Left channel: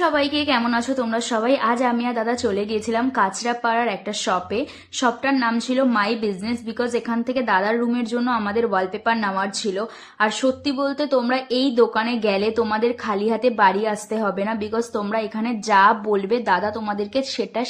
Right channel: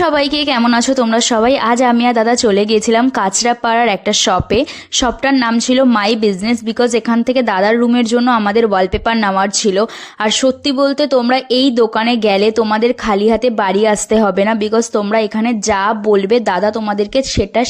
সবাইকে কেমন আছো তোমরা সবাই? আজ আমি আর দাদা চলে গিয়েছিলাম কাঁচরাপাড়ার একটা শপটার নাম ছিল মাই বিজনেস। বিকজ এখান থেকে দাদার রুমের জন্য আমাদের ওয়ালপেপার নেওয়ার ছিল। আর সত্যি বলতে তোমরা এই দোকানে গেলে তোমাদের খালি হাতে বাড়ি আসতে হবে না। বিকজ তোমরা এখানে যা বলবে দাদা তোমাদেরকে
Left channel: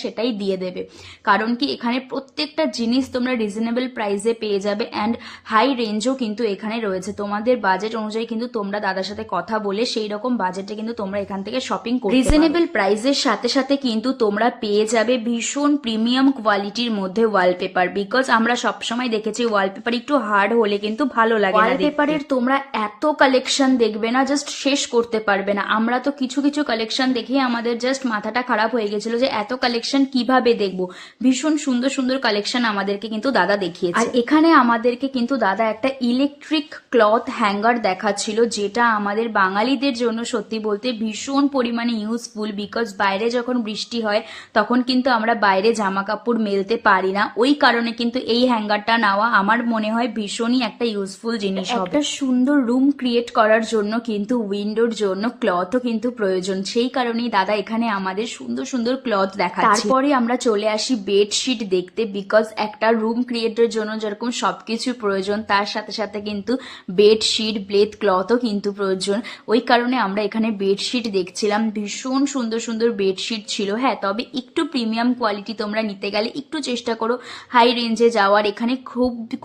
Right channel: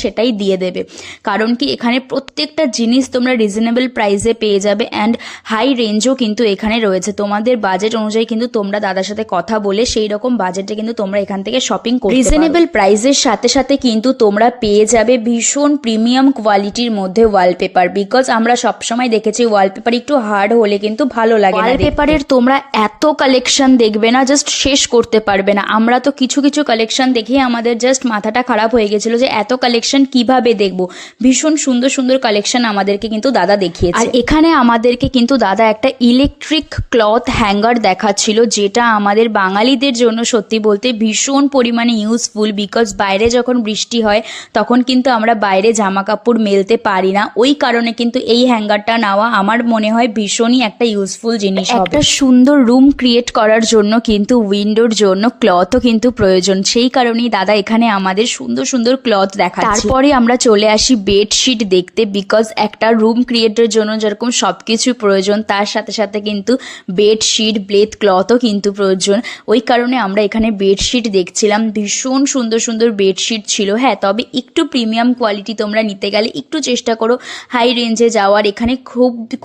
সেটাই দিয়ে দেবে। কারণ কি এখানে প্রত্যেকটা জিনিস তোমরা রিজনেবল প্রাইসে পেয়ে যাবে অ্যান্ড হাই রেঞ্জও কিন্তু এখানে রয়েছে। তোমাদের বাজেট অনুযায়ী কিন্তু তোমরা দাদার সাথে কথা বলে সেই রকম বাজেটে কিন্তু তোমরা এখান থেকে শপিং করতে রিজনেবল প্রাইসের সাথে সাথে কিন্তু তোমরা পেয়ে যাবে ভীষণ প্রিমিয়াম কোয়ালিটির মধ্যে ওয়ালপেপার। বিকজ আমরা সবসময় দেখেছি ওয়ালপেপার একটু হার্ড হলে কিন্তু ভালো লাগে না। ওয়ালপেপারের তোমরা এত কালেকশন দেখবে না, জাস্ট শেষ করতে পারবে না। আমরা তো কিছু কিছু কালেকশন দেখে আমাদের জাস্ট মাথাটা খারাপ হয়ে গেছিল যে এত কালেকশন কিভাবে দেখবো। ভীষণ সুন্দর সুন্দর কালেকশন আমাদেরকে কিন্তু দাদা দেখিয়েছে। আর এখানে আমাদেরকে কিন্তু দাদা একটা ইলেকট্রিক ক্লথ হ্যাঙ্গার দেখাচ্ছিল, যেটা আমাদের বাঙালিদের জন্য সত্যি বলতে ভীষণ পরিমাণে ইউজফুল। বিকজ বাইরে যখন বৃষ্টি হয় তখন কিন্তু আমরা বাইরে জামা কাপড় মেলতে পারি না, ওই কারণে কিন্তু এই হ্যাঙ্গারটা নেওয়া আমার মনে হয় ভীষণই একটা ইউজফুল জিনিস হবে। একটা সুন্দর রুম ক্রিয়েট করার জন্য কিন্তু উইন্ডোর জন্য ক্লথও কিন্তু প্রয়োজন, সেই কারণেই দাদা এখানে আমাদের সুন্দর সুন্দর ক্লথ দেখাচ্ছে। তারপরে আমরা চলে আসি বেডশিট দেখতে। বিকজ একটা রুম ক্রিয়েটের জন্য যেরকম সবকিছু প্রয়োজন তার সাথে সাথে কিন্তু বেডশিট ব্লেড ক্লথও কিন্তু প্রয়োজন। ওই কারণে আমরা এখানে বেডশিট দেখছিলাম। ভীষণ সুন্দর সুন্দর বেডশিট ছিল। হ্যাঁ, তবে একটু প্রিমিয়াম কোয়ালিটি তোমরা নিতে গেলে একটু চেষ্টা করো হাই রেঞ্জে যাওয়ার। এখানে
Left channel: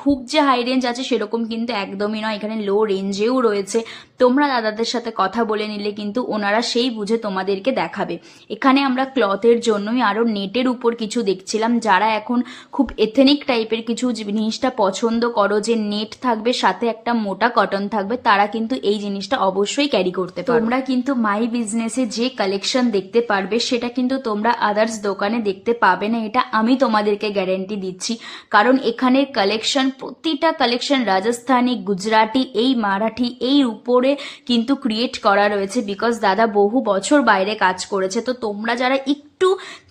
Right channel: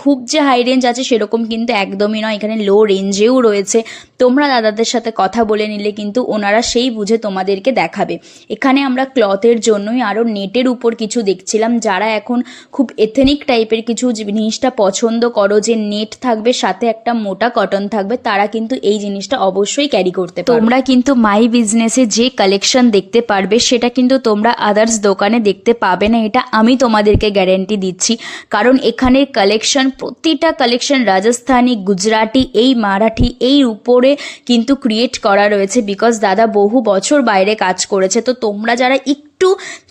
খুব যে হাই রেঞ্জ আছে সেরকম কিন্তু একদমই নয়, এখানে লো রেঞ্জেও রয়েছে। তোমরা দাদাদের সাথে কথা বলে নিলে কিন্তু ওনারা সেই বুঝে তোমাদেরকে দেখাবে। এখানে আমরা ক্লথের জন্যই আরও নেটের উপর কিছু দেখছিলাম। যারা এখন খুব এথেনিক টাইপের কিছু জিনিসটা পছন্দ করো, যে নেট থাকবে সাথে একটা মোটা কটন থাকবে, তারা কিন্তু এই জিনিসটা অবশ্যই ক্যারি করতে পারো। তোমরা কিন্তু মাই বিজনেসে যে কালেকশন দেখতে পারবে সেটা কিন্তু তোমরা আদার্স দোকানে দেখতে পাবে না, এটা আমি তোমাদেরকে গ্যারেন্টি দিচ্ছি। কারণ এখানের কালেকশন, প্রতিটা কালেকশন রাজস্থানি, গুজরাটি, এই মারাঠি, এই উপরে কিন্তু ক্রিয়েট করা রয়েছে। বিকজ দাদা বহু বছর বাইরে কাজ করেছে। তো তোমরা যারা একটু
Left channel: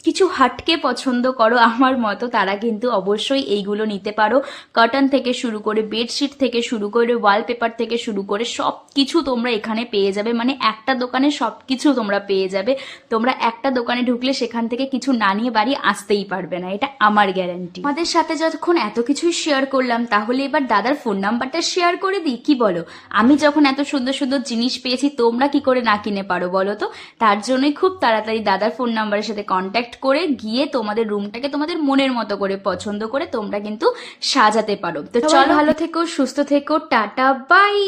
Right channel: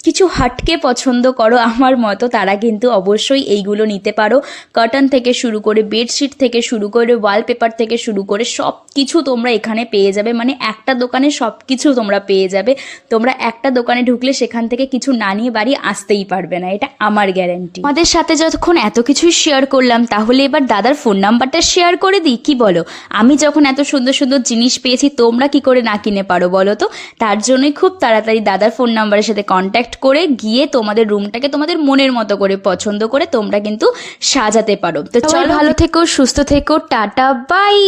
কিছু হাটকে পছন্দ করো আমার মতো, তারা কিন্তু অবশ্যই এইগুলো নিতে পারো। কটন থেকে শুরু করে বেডশিট থেকে শুরু করে ওয়ালপেপার থেকে শুরু করে সব কিছু তোমরা এখানে পেয়ে যাবে। মানে একটা দোকানে সব কিছু তোমরা পেয়ে যাবে। তোমরা একটা দোকানে ঢুকলে সেখান থেকে কিছু না নিয়ে বাড়ি আসতেই পারবে না, এটা আমার গ্যারান্টি। আমাদের সাথে যতক্ষণ এত কিছুই শেয়ার করলাম, তাহলে এবার দাদার ফোন নাম্বারটা শেয়ার করে দিই, কি বলো? আমি যখন এত সুন্দর সুন্দর জিনিস পেয়েছি, তোমরা কি করে না কিনে পারো বলো তো? তার জন্যই খুব তাড়াতাড়ি দাদার ফোন নাম্বারের সাথে কন্ট্যাক্ট করে গিয়ে তোমাদের রুমটাকে তোমাদের মনের মতো করে পছন্দ করে তোমরা কিন্তু সাজাতে পারো। তো চলো, ভালো থেকো, সুস্থ থেকো, টাটা, বাই।